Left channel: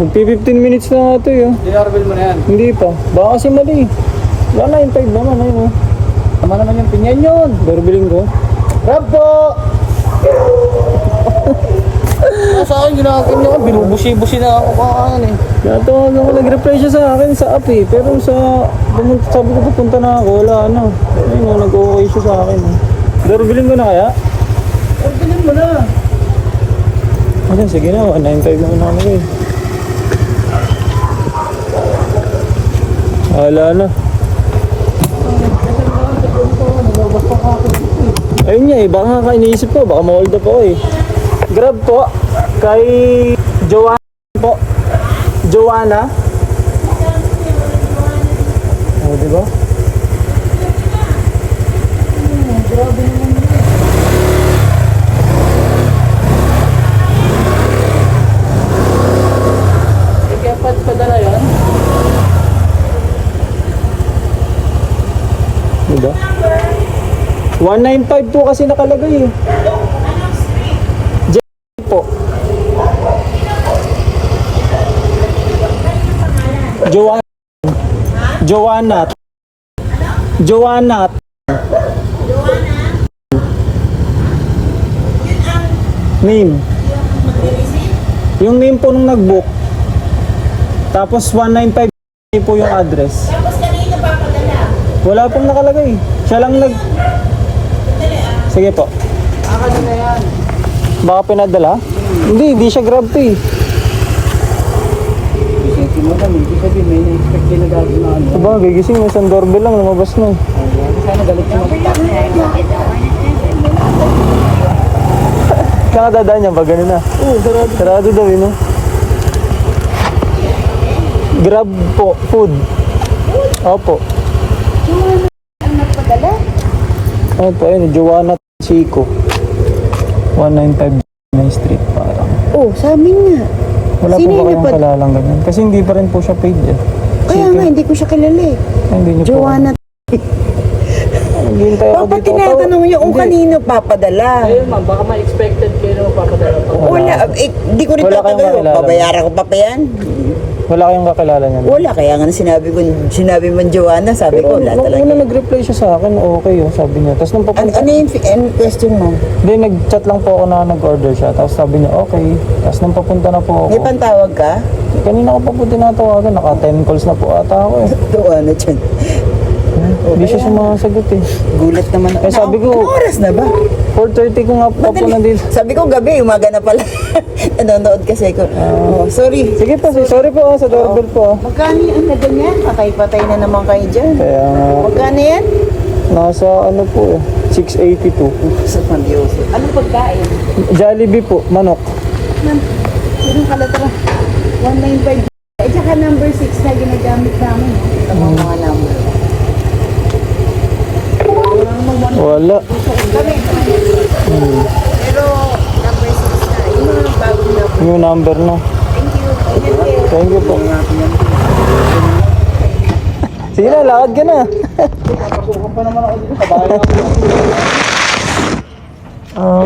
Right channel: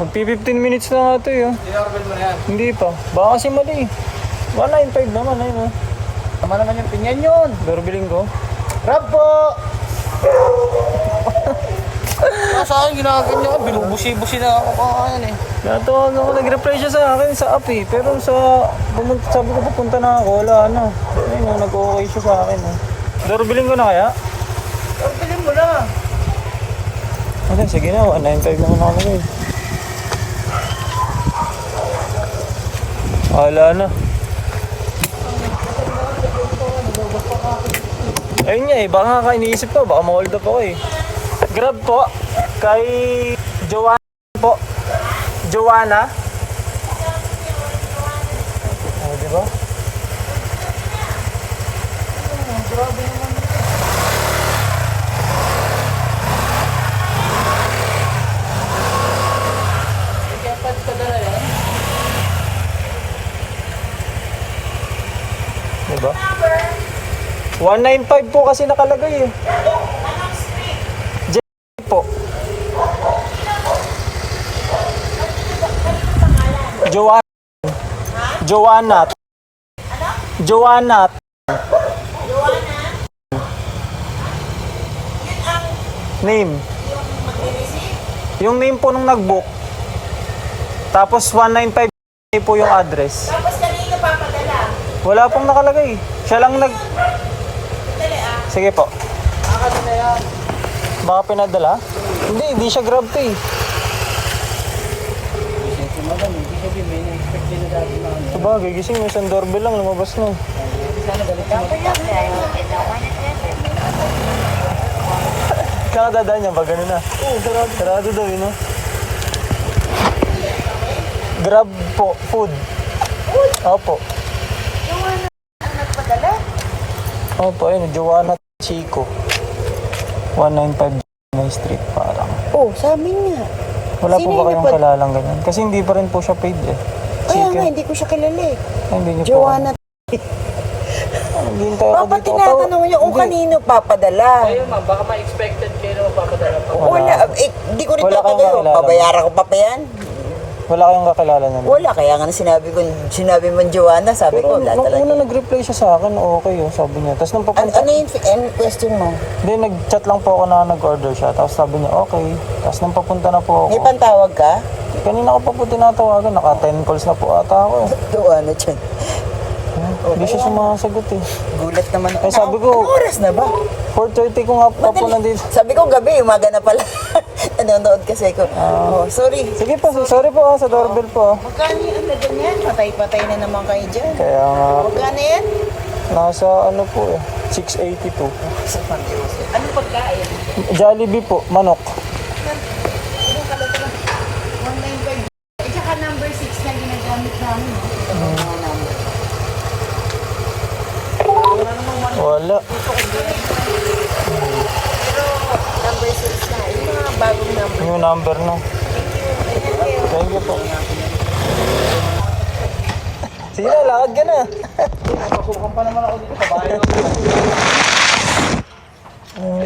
Magpi 15 minutes na nga ito yun. Dinarbel mo na yan. Hindi pa. Baka kasi mali. 195 naman ayun oh. Tama naman yung pinyan yun. Doorbelling ko. Grab po! Sa akin, ginaganyan ko. Binubusi-busi na ako kaan eh. Natawag ako, nag-reply siya sa akin sa app eh. Pero sabi ko pupunta na ako, wala na. Ayun oh, nag-okay siya sa akin. Doorbelling ko na kaya? Doorbelin mo na. Okay, sige na, 195 naman ako eh. Wala na. Ayun niya eh, baka nga iniisip ko, baka ma-hold up ako eh. Grab po, kay Joanna po. Joanna. O, diba? Grabe naman. Kaya padala yan? Diba? 195 po kasi nakalagay eh. Po. Joanna. Name. Yung name po nung nag-book. Tapos 195 po yung address. Tapos kanina papadala. Wala pong nakalagay. Siya lang nag... Sige po. Kanina yan. Baka pinadala? Hindi siya grab to eh. Isipin mo lang, hindi sabi may expect na dati na ano. Diba, gigising mo isang doorbell lang, lumabas na. Sana galit mo. Saan ka dadaan niya? Pag gano'n na? Oo, sarado. Sarado daw yun, no? Grab po, food. Opo. Ang nagpadala? Opo, ayun, Joanna Chico. 195 Main Street, parang. Oh, sa amin nga. Wala Sino po ba yung kayong napad- kalalang ganyan? Kasi hindi pa rin po siya paid eh. Kaya nga, hindi ko siya kilala eh. Ay, hindi niyo po. Joanna. Naghihintay ako Papa, dito. tinatanong niyo kung Hindi. kanino papadala. Ayun ma'am, baka ma-expected kayo na mapapadala pa. Wala, di ko rin Wala kayong tatagayo. kakilala. Babayaran ko pa pa yan. Wala kayong kakilala niya. Wala, kaya nga sinabi mo Joanna, sabi Pero ko, wala nung talaga. una nag-reply siya sa akin, okay yun, sabi niya. Tapos nung papunta, Ano yung question mo? hindi, nag-chat lang po ako na nag-order siya. Tapos sabi niya, okay. Tapos nung papunta na po ako, May pantawag ka? kanina ko pa po tinatawagan, naka 10 calls na po ata ako eh. Joanna dyan. Hindi siya sumasagot eh. Gulat naman ako. Eh, sabi ko- Anong oras na ba? 4:30 ko nga pa po Madali. nandito. Sabi ko gabi, umaga na pala. Nanonood kasi ko. Oh, sorry. Sige po, sorry po sa doorbell po. Magkano yan na ganyan? Patay-patay na naman kayo dyan. Kaya nga, Magkano yan? nasa ano po eh, 682. Sa pandioso. Anong pagkain? Jollibee po, manok. Yung kalatra. 195. Eh, tsaka number 6 na ginagamit namin. Ang mga number. Wala. Kami. Pero number 6 na. Yung mga bagong number. New number na. Thank you. Thank you po. Sige na, lakad ka na. Pasukan pa naman ako dito. Sa bahay Ah.